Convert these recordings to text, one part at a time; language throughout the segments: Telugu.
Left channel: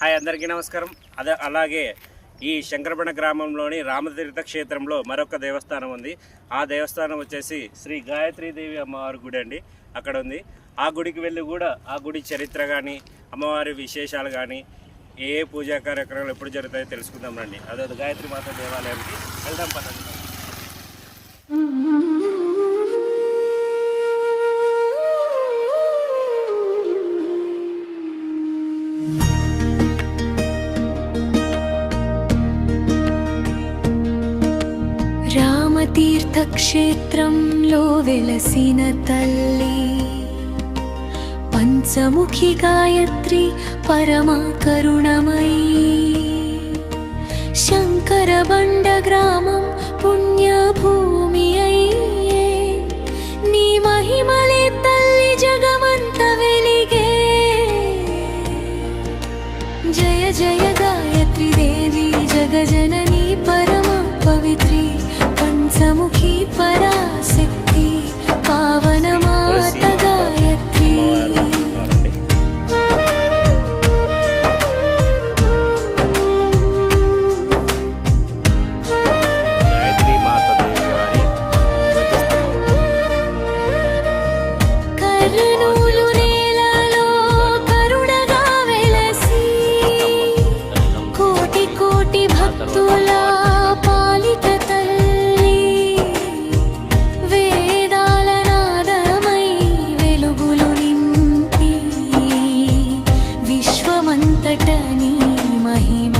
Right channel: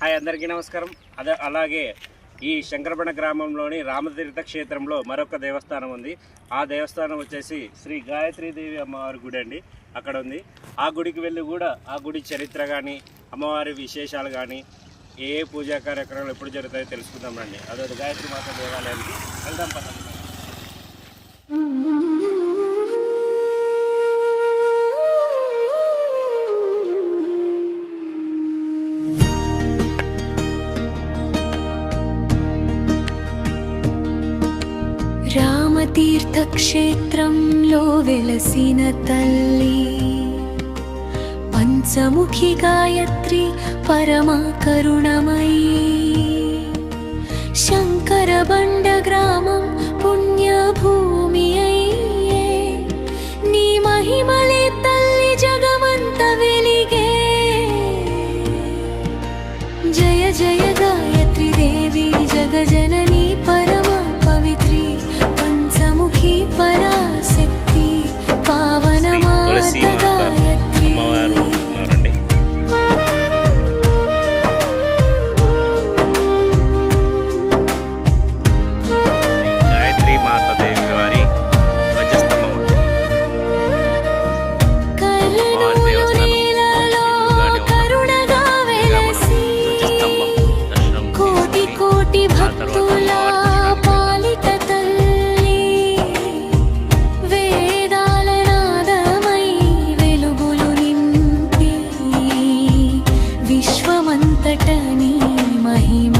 హాయ్ అందరికీ నమస్కారం. అలాగే ఈ శంకరపణ గ్రామంలోని రామతీర్థ క్షేత్రంలో మరొక దేవస్థానం ఉంది. ఆ దేవస్థానం వచ్చేసి శ్రీ గాయత్రీదేవి అమ్మవారి గుడి అండి. అక్కడ ఉంది. ఆ గుడికి వెళ్ళి కూడా ఆ గుడి చరిత్ర కానీ అమ్మవారి విశేషాలు కానీ ఏ పూజా కార్యక్రమాలు ఎప్పుడు జరుగుతాయో తెలుసుకుందాం రండి. అదే గాయత్రి మాత దేవాలయానికి వెళ్దాం పదండి. రామతీర్థక్షేత్రంలో వెలసిన తల్లి పంచముఖి గాయత్రి పరమ కరుణమయీ. శంకరబండ గ్రామం పుణ్యభూమి అయ్యే నీ మహిమలే తల్లి జగమంత వెలిగే. జయ జయ గాయత్రి దేవి జగజనని పరమ పవిత్రి పంచముఖి పరాశక్తి పావన మాత గాయత్రి. గాయత్రి మాత దేవి వారి ధ్వజస్తంభం కర్నూలు నేలలో కరుణగా వెలసి కోటి కోటి భక్తుల పాలిట తల్లి వేదాల నాదమై వెలుగులు నింపి విశ్వమంతట నీ మహిమ.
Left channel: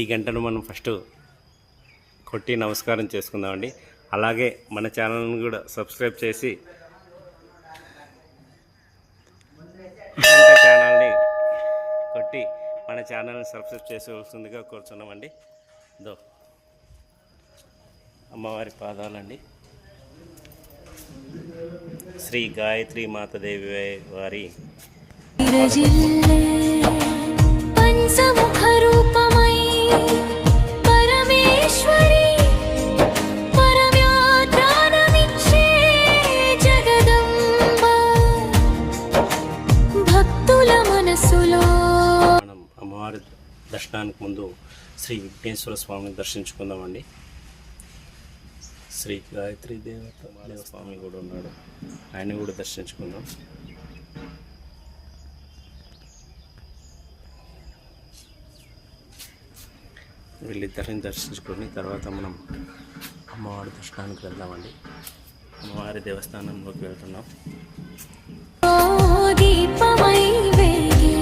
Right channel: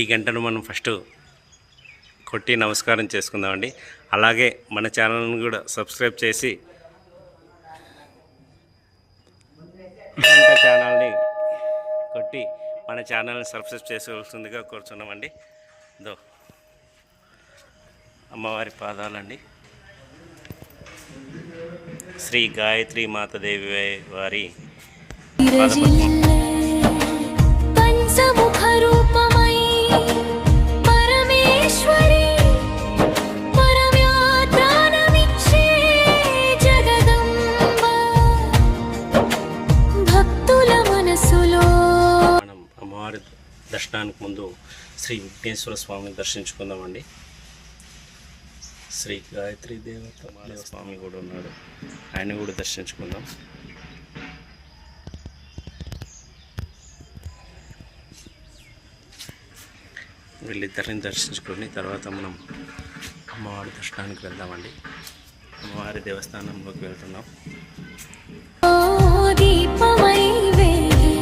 ఈ గంటను మనం ఫస్ట్ కొట్టి నమస్కారం చేసుకుందామండి. అలాగే మన ఛానల్ని కూడా సబ్స్క్రైబ్ చేసి గంట ఛానల్ని కొట్టి మన ఛానల్ని సబ్స్క్రైబ్ చేసుకోవాల్సిందిగా కోరుచున్నామండి. దో అమ్మవారి పాదాలండి. శ్రీ గాయత్రి మాతదేవి వారి పంచముఖ రూపమై పరమేశ్వరి పరమ్యాత్రానమిచ్చే జగదంబ భక్తుల మనసులో. మనం అమ్మవారి దర్శనానికి ముందు శ్రీ విఘ్నేశ్వర స్వామిని దర్శించుకుందామండి. శ్రీ గాయత్రి దేవత స్వామి కూడా ఉన్నాడు, ఆయన కూడా దర్శించుకుందాం. వీళ్ళిద్దరిని దర్శించుకొని తర్వాత మనం అమ్మవారి దర్శనానికి వెళ్దామండి. అమ్మవారి దేవస్థానంలోకి వెళ్తున్నాం. దీపమై వేగే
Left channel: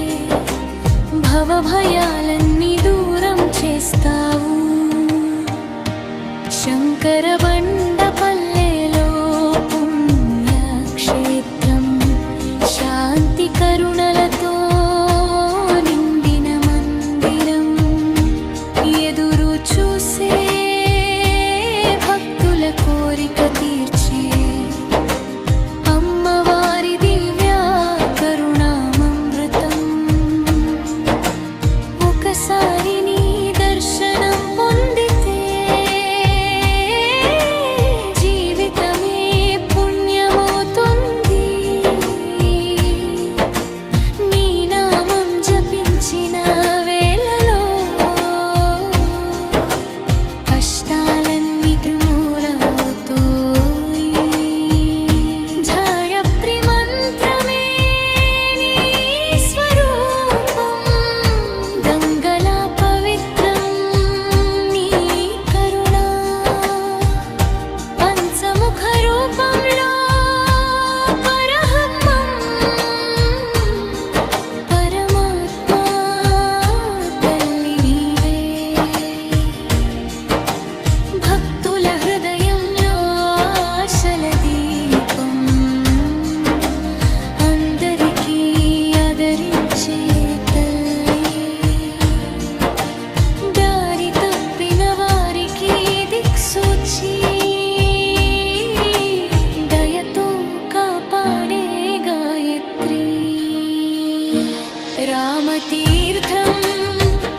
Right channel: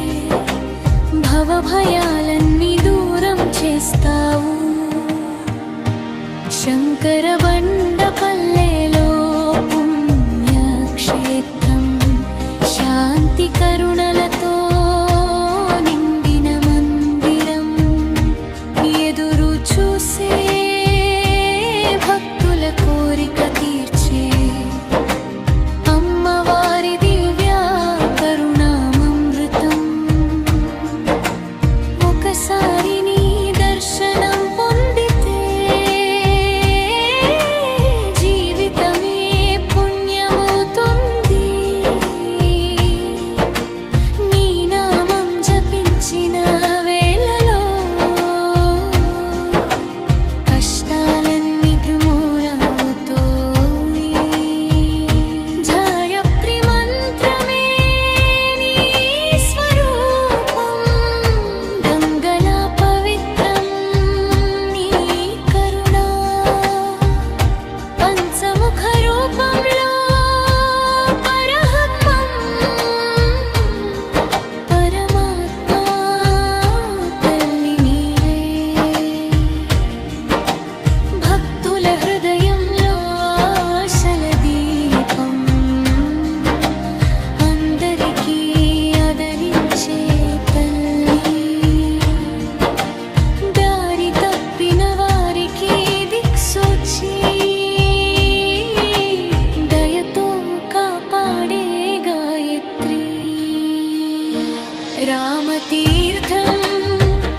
భవభయాలన్నీ దూరం చేస్తావు. శంకరబండ పల్లెలో పుణ్యక్షేత్రం శాంతి కరుణలతో నిండిన మందిరం. ఎదురు చూసే భక్తుల కోరిక తీర్చే అమ్మవారి దివ్య కరుణామృతం. ఒకసారి నీ దర్శనం పొందితే జీవితమే పుణ్యమవుతుంది. నీ నామం జపించిన వేళలో కష్టాలన్నీ నిర్మూలమవుతాయి. గాయత్రి మంత్రమే నీ స్వరూపం గంగల పవిత్రం నీ కరుణ. పంచముఖ రూపంలో పరబ్రహ్మం పరమాత్మ తల్లి నీవే. భక్తుల హృదయంలో ఆశల దీపం అందరికీ ఆదరించే తల్లి. దారి తప్పిన వారికి దిక్సూచి దయతో కాపాడే గాయత్రి. రామతీర్థం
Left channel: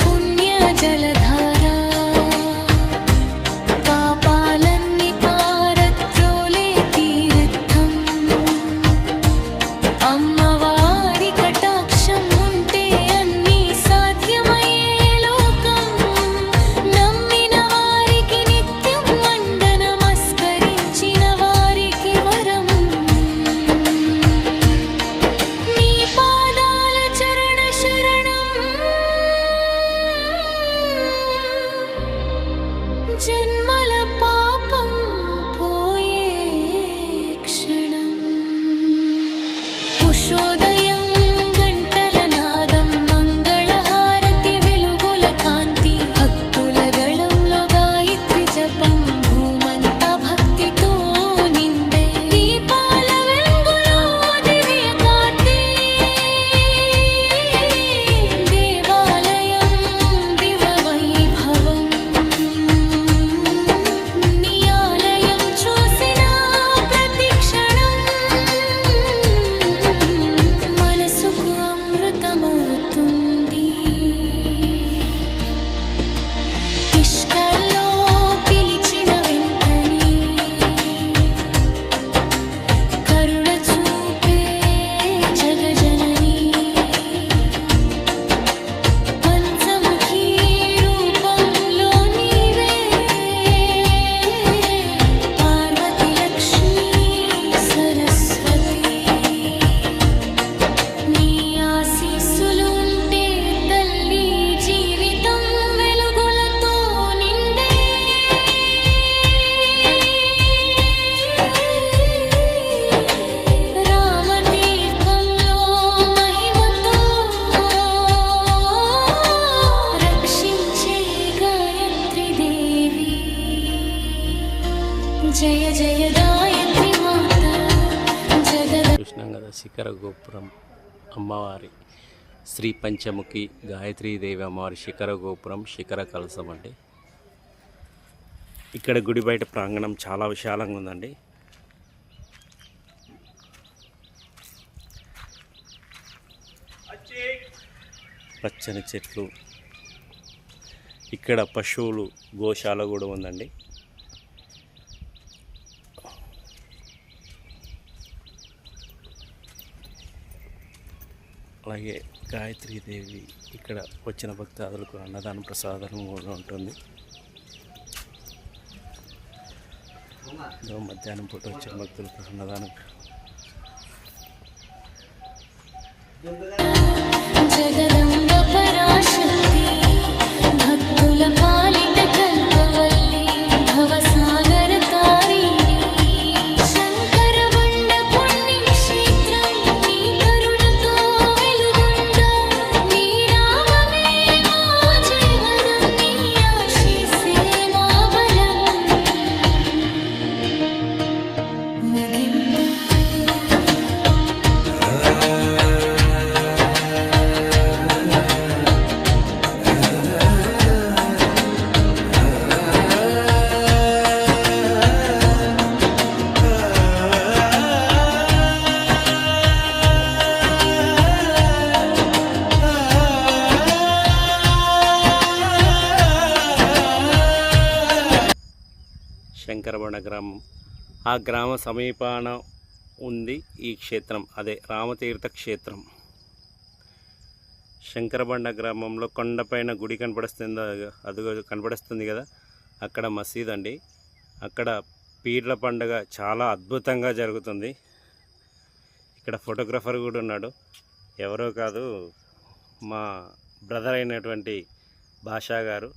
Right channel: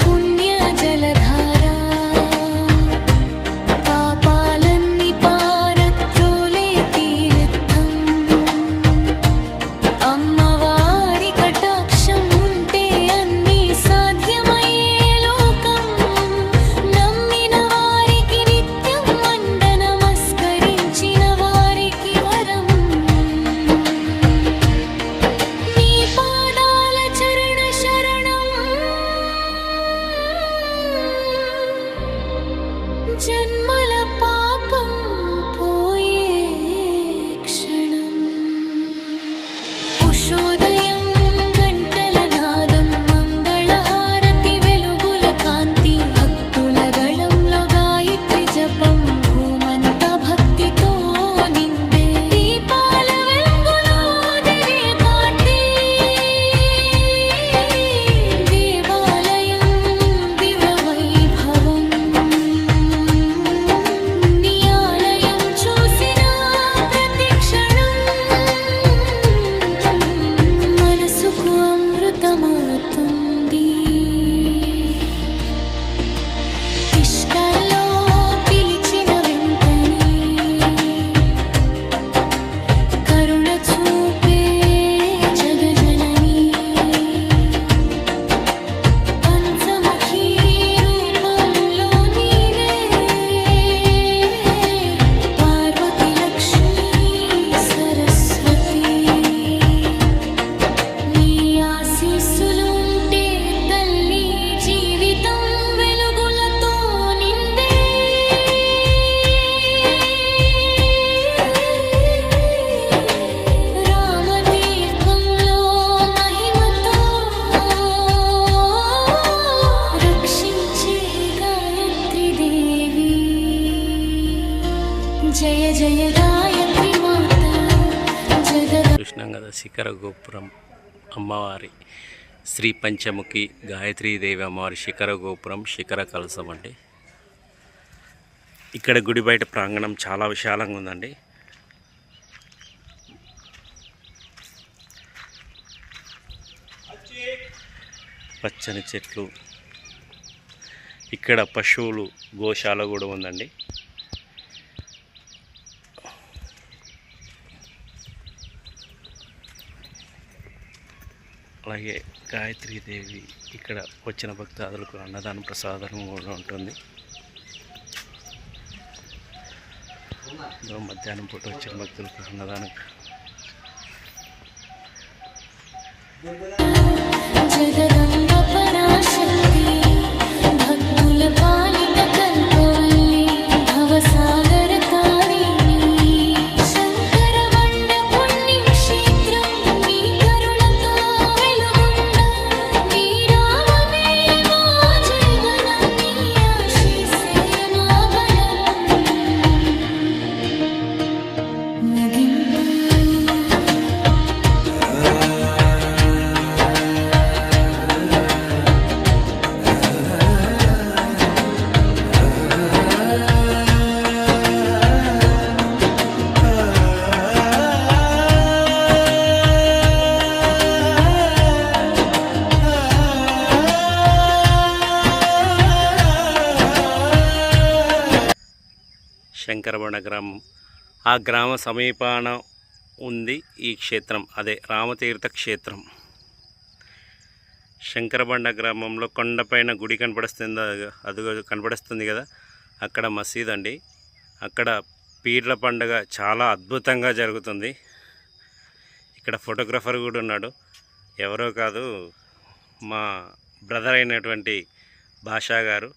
పుణ్య జలధారా పాపాలన్నీ పారత్రోలే తీర్థం. అమ్మవారి కటాక్షం అమృతమవుతుంది. ఇష్కల్లో పిలిచిన వెంటనే కరుణ చూపే జగజనని పంచముఖీ రూపంలో నీవే పార్వతి లక్ష్మీ సరస్వతి. నీ ఆశీస్సులు ఉంటే తల్లి జీవితం వెలుగులతో నిందే. రామతీర్థంలో మహిమతో రక్షించే గాయత్రి దేవి. జయ జయ గాయత్రి మాత జగద. చూసినాం కదా శిఖర గోపురం అమ్మవారి శ్రీ పంచముఖి గాయత్రీదేవి అమ్మవారి శిఖర గోపురం, శిఖర కలశం అండి. ఇక్కడ గుడి బయట ప్రాంగణం చాలా విశాలంగా ఉందండి. పచ్చని చెట్లు, ఇక్కడ పశువులు గోశాల కూడా ఉందండి. అలాగే గాయత్రీదేవి ఇక్కడ వచ్చిన భక్తాదులకు అన్నదాన ప్రసాదం కూడా ఉంటుంది. మధ్యాహ్నం పూట వచ్చిన భక్తులకు అన్నదానం. జగదంబ పరాశక్తి భక్తుల పాలిట కల్పవల్లి భవసాగర తారిణి. శంకర వండ పుణ్యక్షేత్రం నీ కరుణతో వెలుగొందా. నీ రామమే మా జీవనం, నీ ఆశీస్సే మా బలం. ముగింపు శంకరబండ గ్రామం, ఆ గ్రామ సమీపాన ఉంది ఈ క్షేత్రం, అదే రామతీర్థ క్షేత్రం. శంకరబండ గ్రామంలో కొండపైన గుడి కనపడుస్తుంది, అది కనపడుస్తుంది కదా, అక్కడ మసీద్ అండి. అక్కడ పీర్ల పండుగ చాలా అద్భుతంగా జరుగుతుంది. ఇక్కడ ఫోటోగ్రఫర్ కూడా ఉన్నాడు, ఎవరో కాదు మా బ్రదర్ అయినటువంటి బాషా గారు.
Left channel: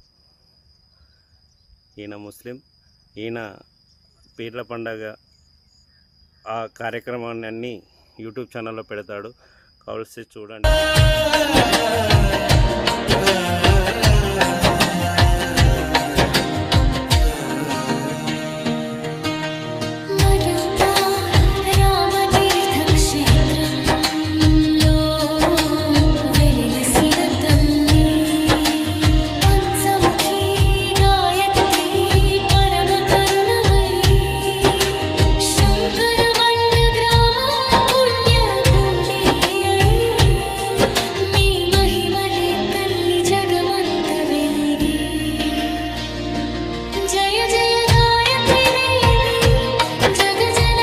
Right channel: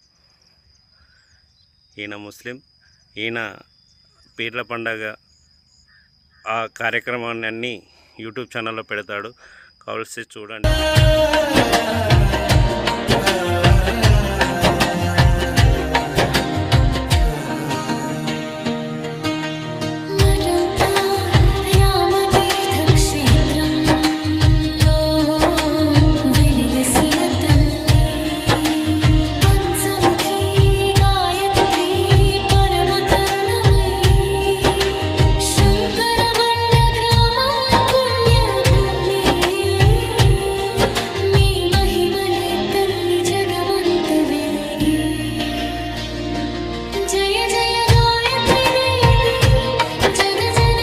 ఈయన ముస్లిం, ఈయన పీర్ల పండగ ఆ కార్యక్రమాన్ని అన్నీ యూట్యూబ్ ఛానల్లో పెడతాడు, కావాల్సి చూడండి. మరంతా రామతీర్థ క్షేత్రంలో వెలిలసిన తల్లి పంచముఖి గాయత్రి పరమ కరుణమయీ. శంకరబండ గ్రామం పుణ్యభూమి అయి నీ మహిమలే తల్లి జగమంత వెలిగే. జయ జయ గాయత్రి దేవి జగజన